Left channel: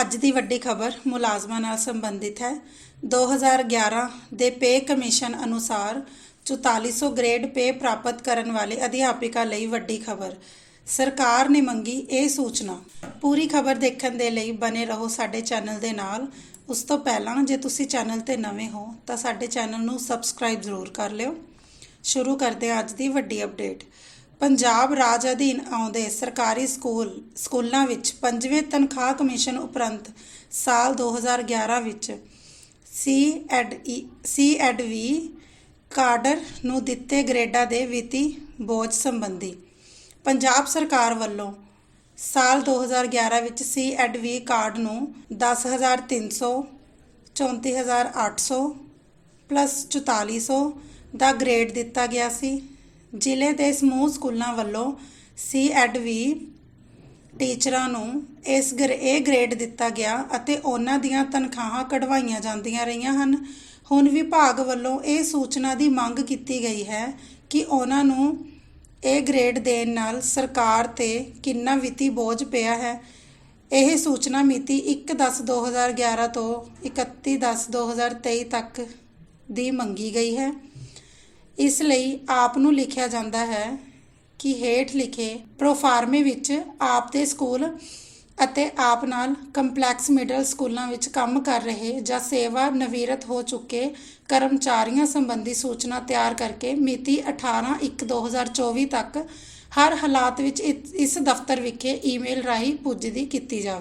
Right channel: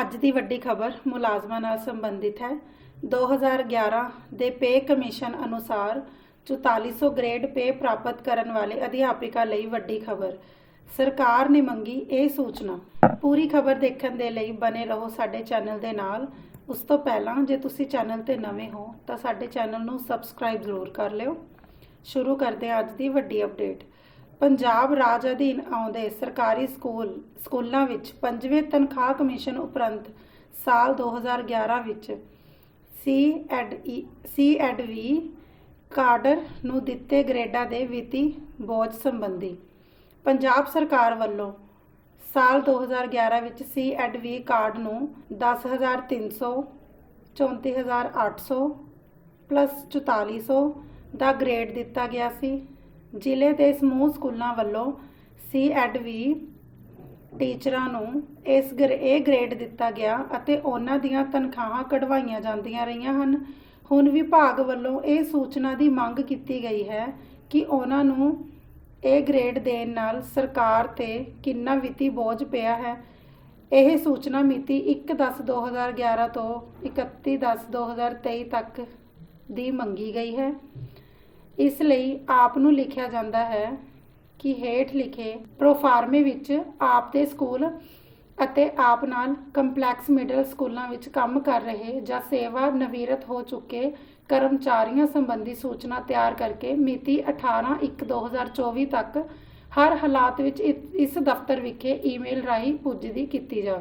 ਅੱਜ ਦੀ ਵੱਡੀ ਖਬਰ ਮੁਲਾਜ਼ਮਾਂ ਨਾਲ ਸੰਬੰਧਿਤ ਹੈ। 2011 ਦੇ ਪੇ ਕਮਿਸ਼ਨ ਅਨੁਸਾਰ 4400 ਗ੍ਰੇਡ ਪੇ ਪ੍ਰਾਪਤ ਕਰਨ ਵਾਲੇ ਅਧਿਆਪਕਾਂ ਲਈ ਵੱਡੀ ਖਬਰ। ਸਰਕਾਰ ਨੇ ਮੰਗੀ ਇਹ ਸੂਚਨਾ। ਪੂਰੀ ਖਬਰ ਦੇਖਣ ਦੇ ਲਈ ਬਨੇ ਰਹੋ ਸਾਡੇ ਚੈਨਲ ਦੇ ਨਾਲ। ਉਸ ਤੋਂ ਪਹਿਲਾਂ ਜੇ ਤੁਸੀਂ ਚੈਨਲ ਤੇ ਨਵੇਂ ਹੋ ਤਾਂ ਸਾਡੇ ਚੈਨਲ ਨੂੰ ਸਬਸਕ੍ਰਾਈਬ ਜ਼ਰੂਰ ਕਰ ਲਿਓ। ਸ਼ੁਰੂ ਕਰਦੇ ਹਾਂ ਅੱਜ ਦੀ ਵੱਡੀ ਅਪਡੇਟ। ਪੰਜਾਬ ਰਾਜ ਅਧੀਨ ਆਉਂਦੇ ਸਰਕਾਰੀ ਸਕੂਲ, ਸਕੂਲਾਂ ਵਿੱਚ ਪੰਜਵੇਂ ਤਨਖਾਹ ਕਮਿਸ਼ਨ ਉਪਰੰਤ ਸਾਲ 2011 ਵਿੱਚ C and C and V cadre ਨੂੰ ਦਿੱਤੇ ਗ੍ਰੇਡਾਂ ਦੇ ਵਿੱਤੀ ਬੋਝ ਸੰਬੰਧੀ ਪੰਜਾਬ ਸਰਕਾਰ ਵੱਲੋਂ ਸਾਲ 2011 ਵਿੱਚ ਸੀ ਐਡ ਵੀ ਕਾਰਡ ਨੂੰ 10300 34800 ਪਲੱਸ 4400 ਦਾ ਗ੍ਰੇਡ ਦਿੱਤਾ ਗਿਆ ਸੀ। ਜ਼ਿਲ੍ਹੇ ਦੇ ਸਮੂਹ ਸਕੂਲਾਂ ਵੱਲੋਂ ਸੀ ਐਡ ਵੀ ਟੀਚਰਾਂ ਨੂੰ ਇਸ ਗ੍ਰੇ, ਇਹ ਗ੍ਰੇਡ ਦਿੱਤਾ ਗਿਆ ਅਤੇ ਉਹਨਾਂ ਦੀਆਂ ਤਨਖਾਹਾਂ ਕਢਵਾਈਆਂ ਜਾਂਦੀਆਂ ਰਹੀਆਂ ਹਨ। ਹੁਣ ਵਿਭਾਗ ਵੱਲੋਂ ਇਹ ਸੂਚਨਾ ਦੀ ਮੰਗ ਕੀਤੀ ਗਈ ਹੈ ਕਿ ਉਹਨਾਂ ਨੂੰ ਇਹ ਗ੍ਰੇਡ ਦੇਣ ਨਾਲ ਸਰਕਾਰ ਤੇ ਕਿੰਨਾ ਵਿੱਤੀ ਬੋਝ ਪਿਆ ਹੈ। ਇਹ ਸੂਚਨਾ ਮਿਤੀ 1/10/2011 ਤੋਂ 31/10/2023 ਤੱਕ ਦੀ ਮੰਗੀ ਗਈ ਹੈ। ਇਸ ਲਈ ਆਪ ਨੂੰ ਲਿਖਿਆ ਜਾਂਦਾ ਹੈ ਕਿ ਹੇਠ ਲਿਖੇ ਪ੍ਰੋਫਾਰਮੇ ਵਿੱਚ ਆਪ ਦੇ ਸਕੂਲ ਅਤੇ ਆਪ ਨਾਲ ਕੰਪਲੈਕਸ ਮਿਡਲ ਸਕੂਲਾਂ ਵਿੱਚ ਕੰਮ ਕਰ ਰਹੇ ਜਾਂ ਸੇਵਾ ਨਵੀਰਤ ਹੋ ਚੁੱਕੇ ਕਰਮਚਾਰੀਆਂ ਸੰਬੰਧੀ ਸੂਚਨਾ ਤਿਆਰ ਕਰਕੇ ਮਿਤੀ 18/1/2024 ਤੱਕ ਹਰ ਹਾਲਾਤ ਵਿੱਚ ਇ- ਇਸ ਦਫ਼ਤਰ ਵਿਖੇ ਈਮੇਲ ਰਾਹੀਂ ਪੁੱਜਦੀ ਕੀਤੀ ਜਾਵੇ।